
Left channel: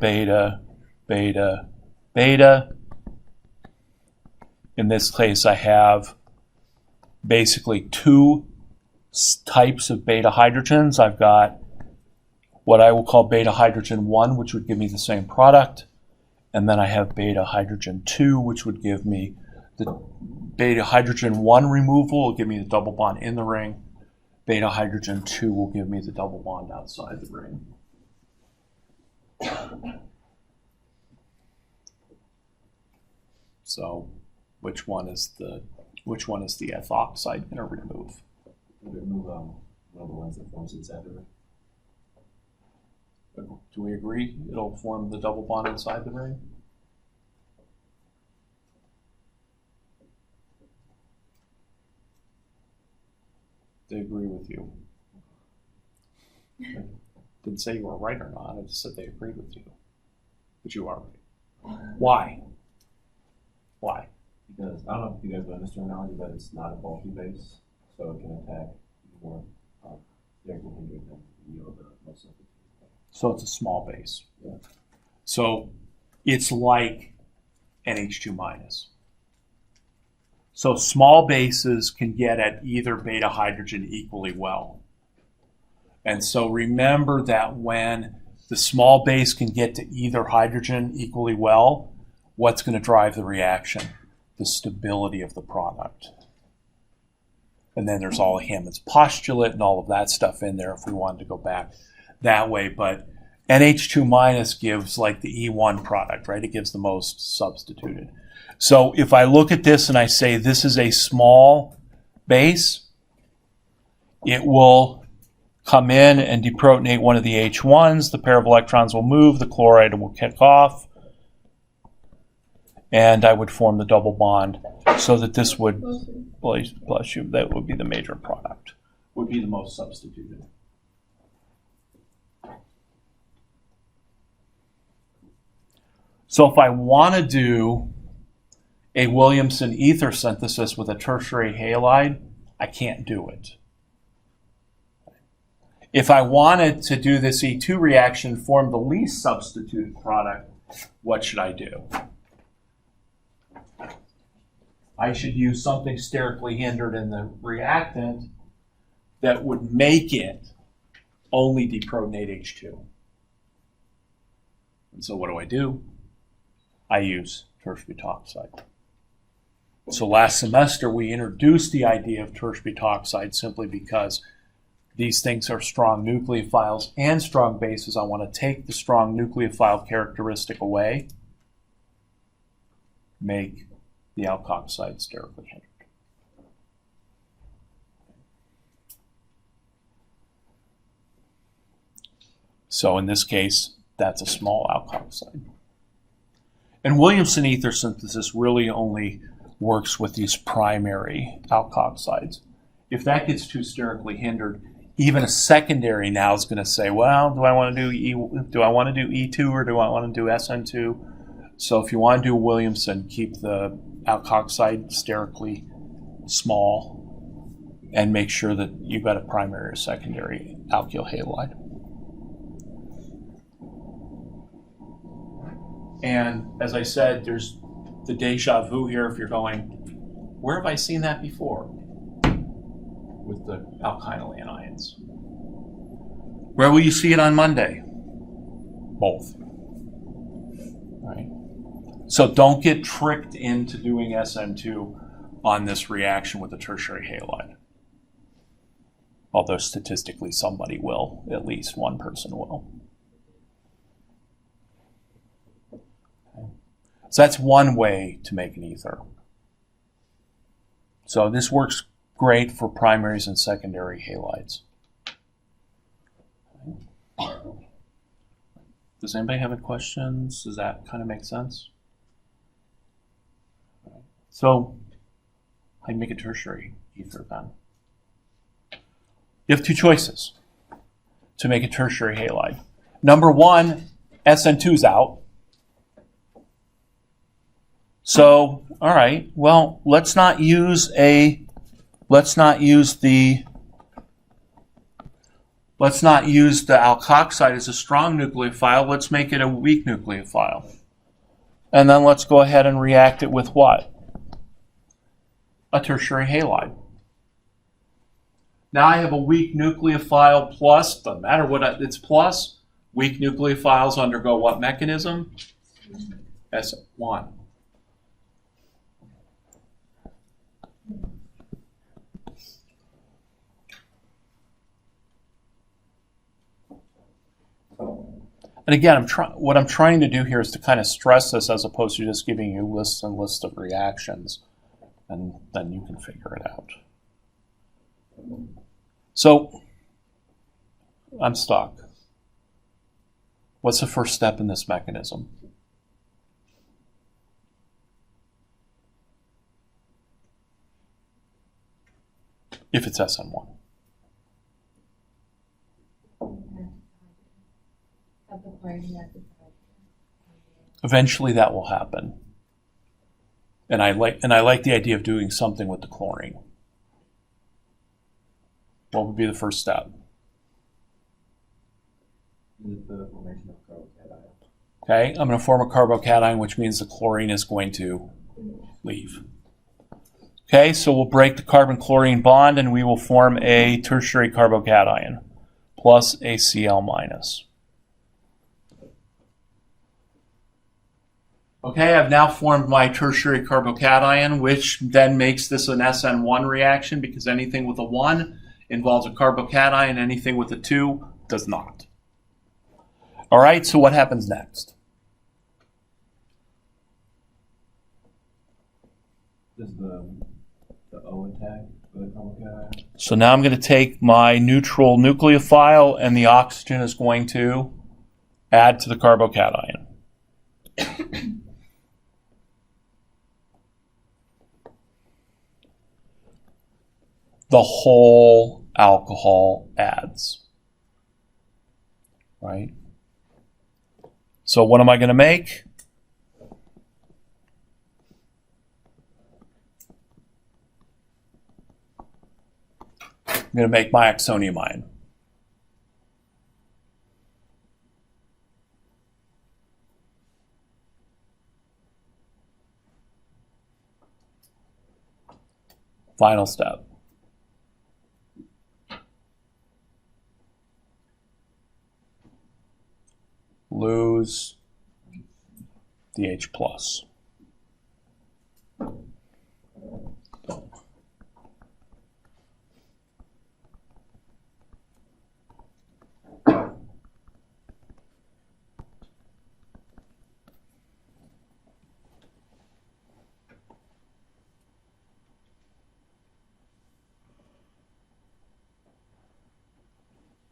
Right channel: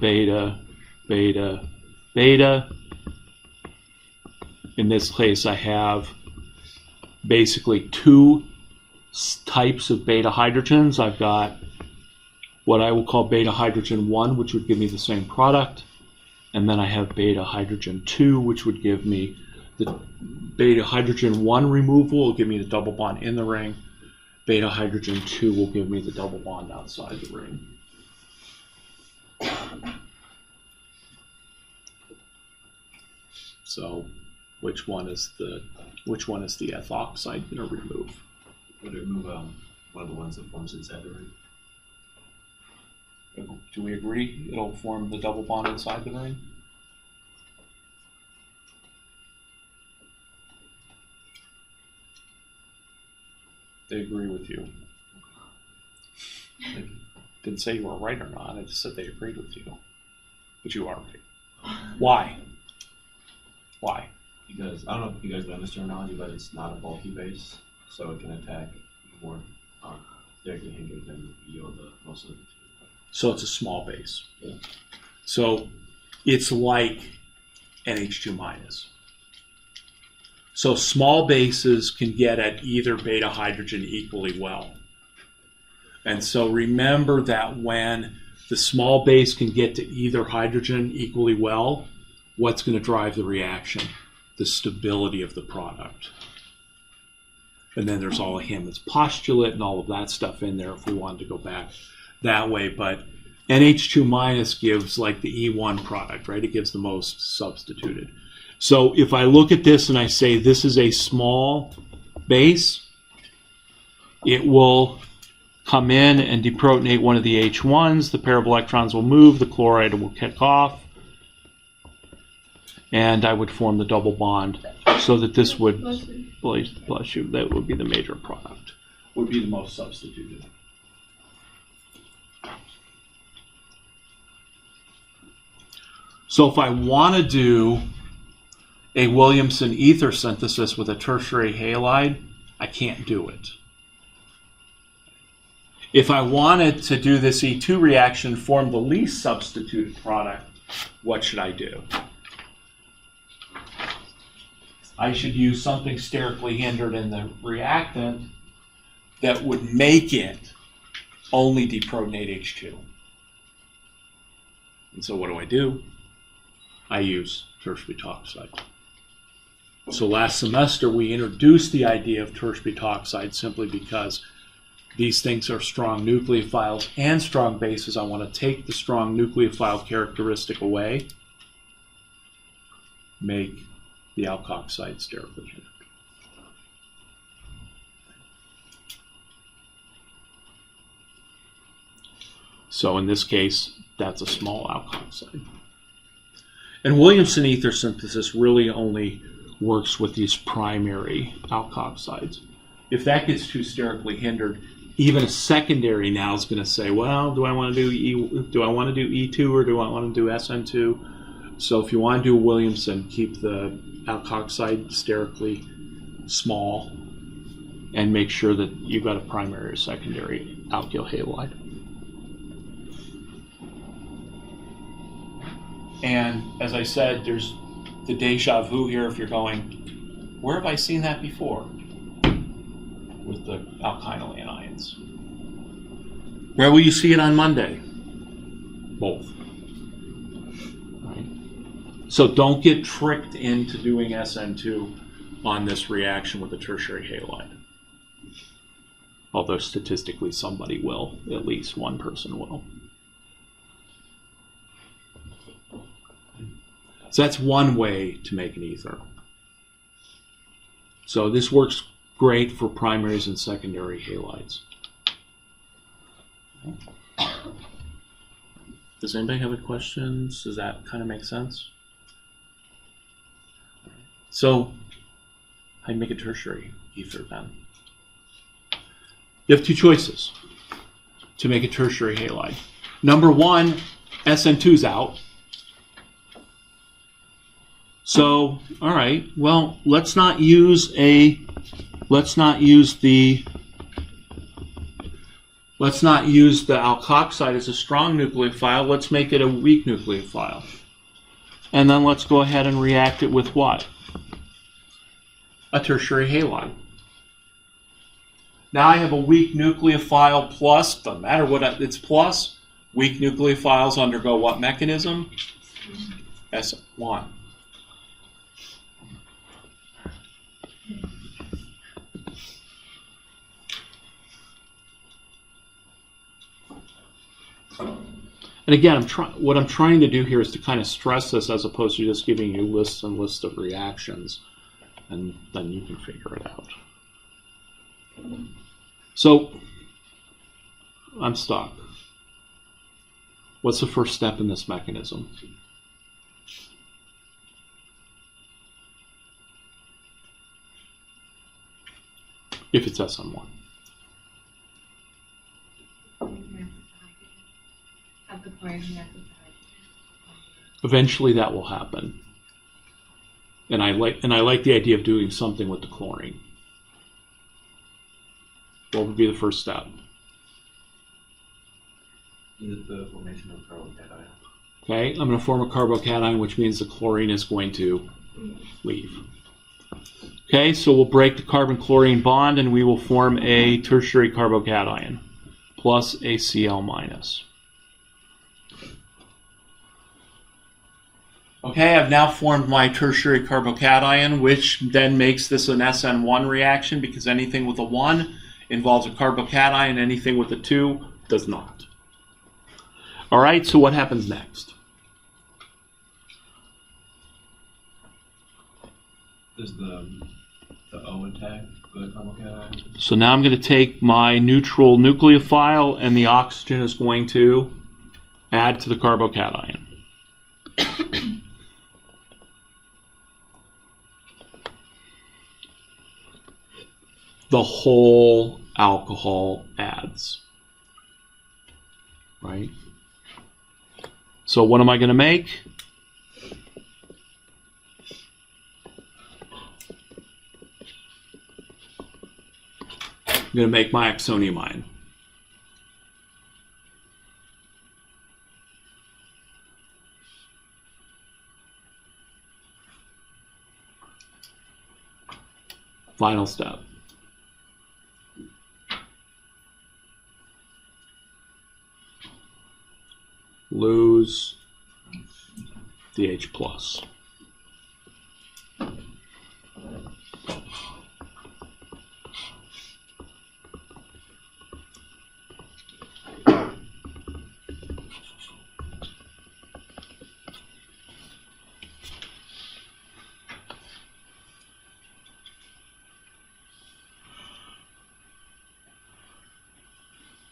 beta, beta, beta. In this case, I have basically two types of beta hydrogens. I've got what I will call beta hydrogen 1, which would give me the same product. And then I have beta hydrogen 2, which would give me the beta hydrogen 1 removal will give me the double bond in the ring. Beta hydrogen 2 will give me the double bond outside the ring. So which one is the ethoxide going to remove? Would it remove one of the ones that forms inside the ring? Do we agree it'll form the double bond inside the ring? They agree with you. I didn't say you were right or not. I just said they agreed with you. But you are right. Why? Why? Because, I don't know if you guys know this terminology, but it's not a bulky base, so it can attack more directly hindered than most of the two. So it's a small base. Yeah. So it's like NH2 minus. So small bases can get at either beta hydrogen equally well. And so remember that when the small base can get to either hydrogen equally well, what's going to drive the reaction? The stability of the product. And then there's all of Hammond's postulate and all of that stuff in there if we wanted to go back that way. But NH2 minus gives like the E1 product, right? It gives the most substituted. So if I look at this and I say this is a small base, it will come in and deprotonate one of the H1s. The pair of electrons will move. The chloride will kick off. And I would form the double bond so that this would, bless you, that would be the major product, would be the most substituted. So if I want to do a Williamson ether synthesis with a tertiary halide, I can't do it. If I wanted to do this E2 reaction, form the least substituted product, what should I do? I should use something sterically hindered in the reactant that would make it only deprotonate H2. And so what do? I use tertiary butoxide. So last semester we introduced the idea of tertiary butoxide simply because these things are strong nucleophiles and strong bases. I want to take the strong nucleophile characteristic away, make the alkoxide sterically hindered. So in this case, that's a small alkoxide. And Williamson ether synthesis really only works with these primary alkoxides. If that gets too sterically hindered, even a secondary now is going to say, well, do I want to do E2 or do I want to do SN2? So if you want to do Williamson, keep the alkoxide sterically small and make sure that you've got a primary or secondary alkyl halide. And as I said, there's the deja vu here if you're going, where have I seen that before? With the alkynyl anions. Where will you see it on Monday? Both. Right? So don't get tricked into doing SN2 on this reaction with the tertiary halide. Although statistically somebody will, at least one person will. So that's one way to make an ether. So this works great for primaries and secondary halides. Does anybody have any questions? Does that kind of make sense? So, how do you make a tertiary ether then? You have two choices to make a tertiary halide. Number one, SN2 is out. So, all right, well, let's not use the alkoxide as a strong nucleophile. Let's make it a weak nucleophile. And then let's go ahead and react it with what? A tertiary halide. Now I have a weak nucleophile plus, doesn't matter what it's plus, weak nucleophiles undergo what mechanism? S1. And again, what I'm trying to do here is to kind of stress this as opposed to just giving you lists and lists of reactions, and then you can figure it out. So, I'm stuck. What's the first step in this mechanism? If it's SN1. Have the chlorine react with hydrogen. Eventually that will happen. And I like the idea of doing something with the chlorine. What would be the first step? The formation of carbocation. Okay, I'm going to form a carbocation, which means the chlorine is going to leave. Okay, so we'll break the carbon-chlorine bond and we will form a tertiary carbocation plus a Cl minus. Okay, I've now formed my tertiary carbocation, which then makes this an SN1 reaction because anything with a 1 involves a carbocation, anything with a 2 does not. All right, so what happens next? Does the O attack the carbocation? So now I'm going to take my neutral nucleophile and the oxygen is going to add to the carbocation. The whole alcohol adds, right? So what am I going to make? I'm going to make my oxoniamine. Final step. Lose DH plus.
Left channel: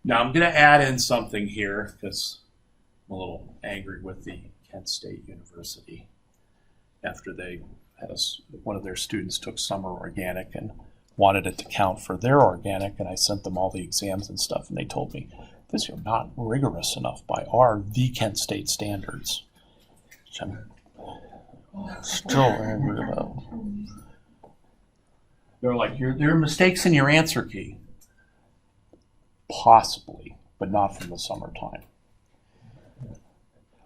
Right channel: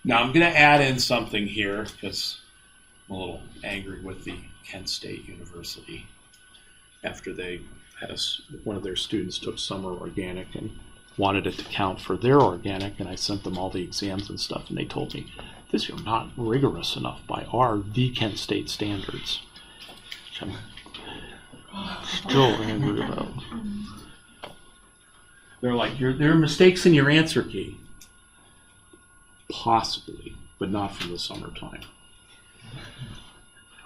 Now I'm going to add in something here because I'm a little angry with the Kent State University after they had one of their students took summer organic and wanted it to count for their organic, and I sent them all the exams and stuff, and they told me, this is not rigorous enough by the Kent State standards. Which I'm still angry about. They're like, there are mistakes in your answer key. Possibly, but not from the summertime.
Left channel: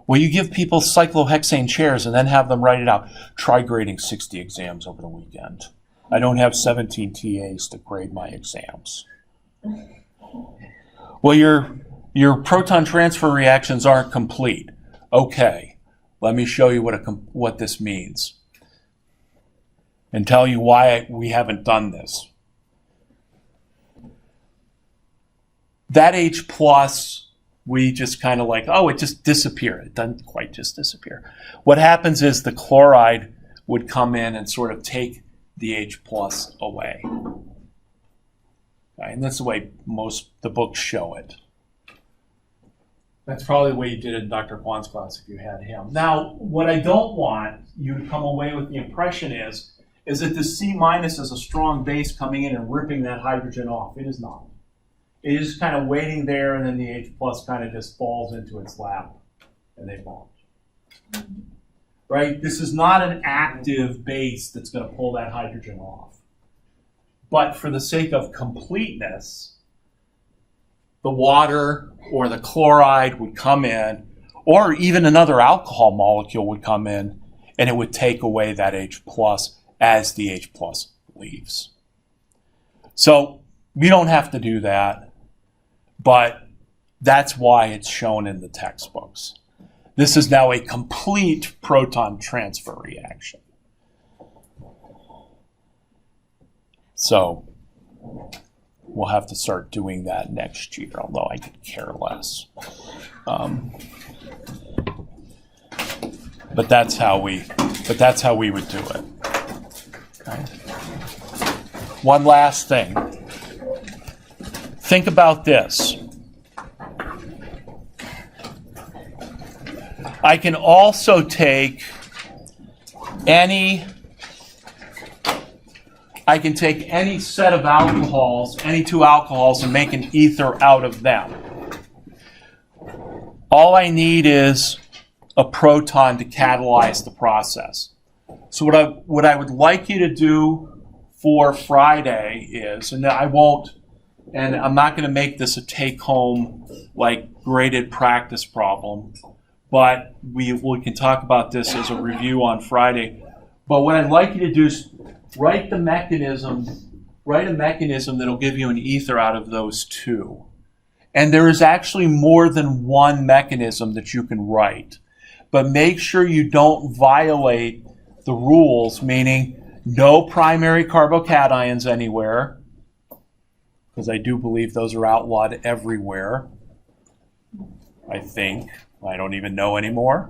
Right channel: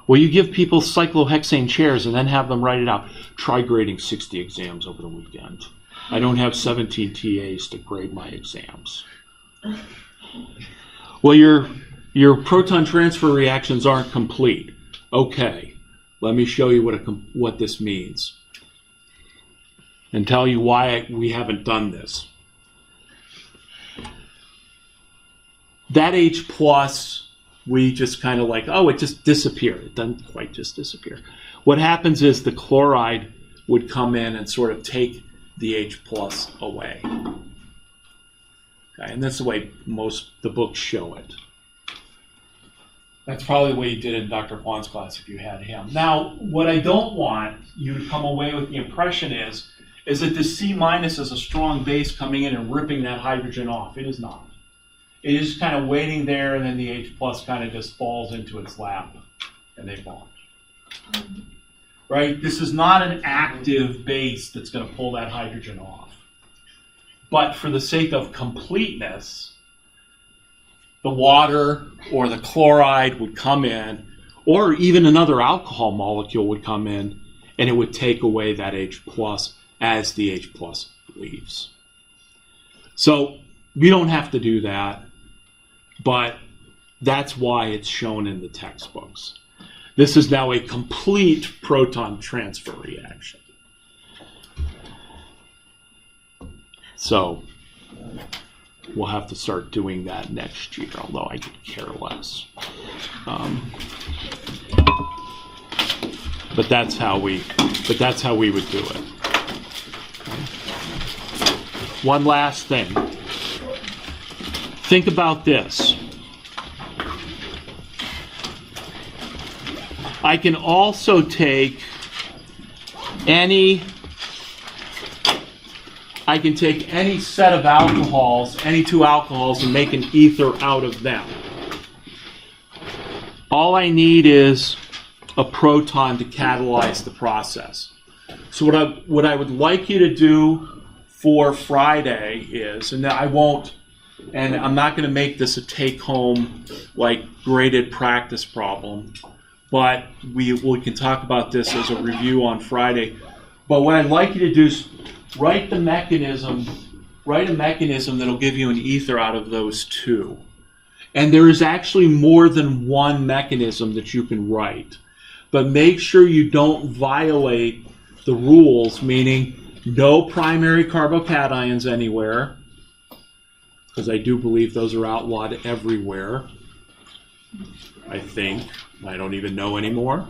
Well, you give people cyclohexane chairs and then have them write it out. Try grading 60 exams over the weekend. I don't have 17 TAs to grade my exams. Well, your proton transfer reactions aren't complete. Okay, let me show you what this means and tell you why we haven't done this. That H plus, we just kind of like, oh, it just disappeared. It doesn't quite just disappear. What happens is the chloride would come in and sort of take the H plus away. Okay, and that's the way most the books show it. That's probably the way you did it in Dr. Kwan's class if you had him. Now, what I don't want you to come away with the impression is that the C minus is a strong base coming in and ripping that hydrogen off. It is not. It is kind of waiting there, and then the H plus kind of just falls into its lap, and they bond. Right? This is not an active base that's going to pull that hydrogen off. But for the sake of completeness, the water or the chloride would come in, or even another alcohol molecule would come in, and it would take away that H plus as the H plus leaves. So we don't have to do that, but that's why it's shown in the textbooks. This is now a complete proton transfer reaction. So we'll have to start doing that next year, although I could care less. But that's how we would do it. Okay. One last thing. Think about this. I can also take any set of alcohols, any two alcohols, and make an ether out of them. All I need is a proton to catalyze the process. So what I would like you to do for Friday is, and I'm not going to make this a take-home, like, graded practice problem, but we can talk about this as a review on Friday. But what I'd like you to do is write a mechanism that'll give you an ether out of those two. And there is actually more than one mechanism that you can write. But make sure you don't violate the rules, meaning no primary carbocations anywhere, because I do believe those are outlawed everywhere, I think. I don't even know anymore.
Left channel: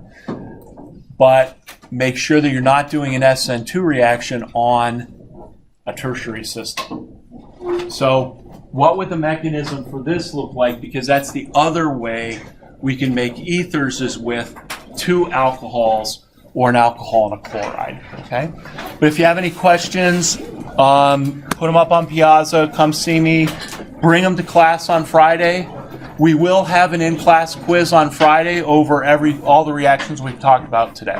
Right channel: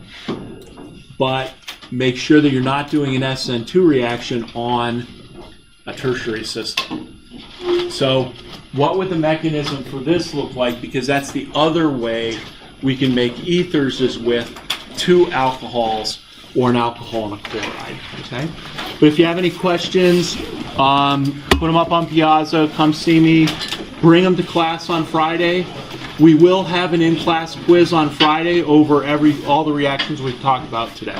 But make sure that you're not doing an SN2 reaction on a tertiary system. So what would the mechanism for this look like? Because that's the other way we can make ethers, is with two alcohols or an alcohol and a chloride. Okay? But if you have any questions, put them up on Piazza, come see me, bring them to class on Friday. We will have an in-class quiz on Friday over all the reactions we've talked about today.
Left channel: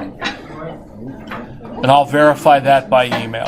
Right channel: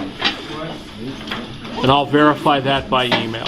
And I'll verify that by email.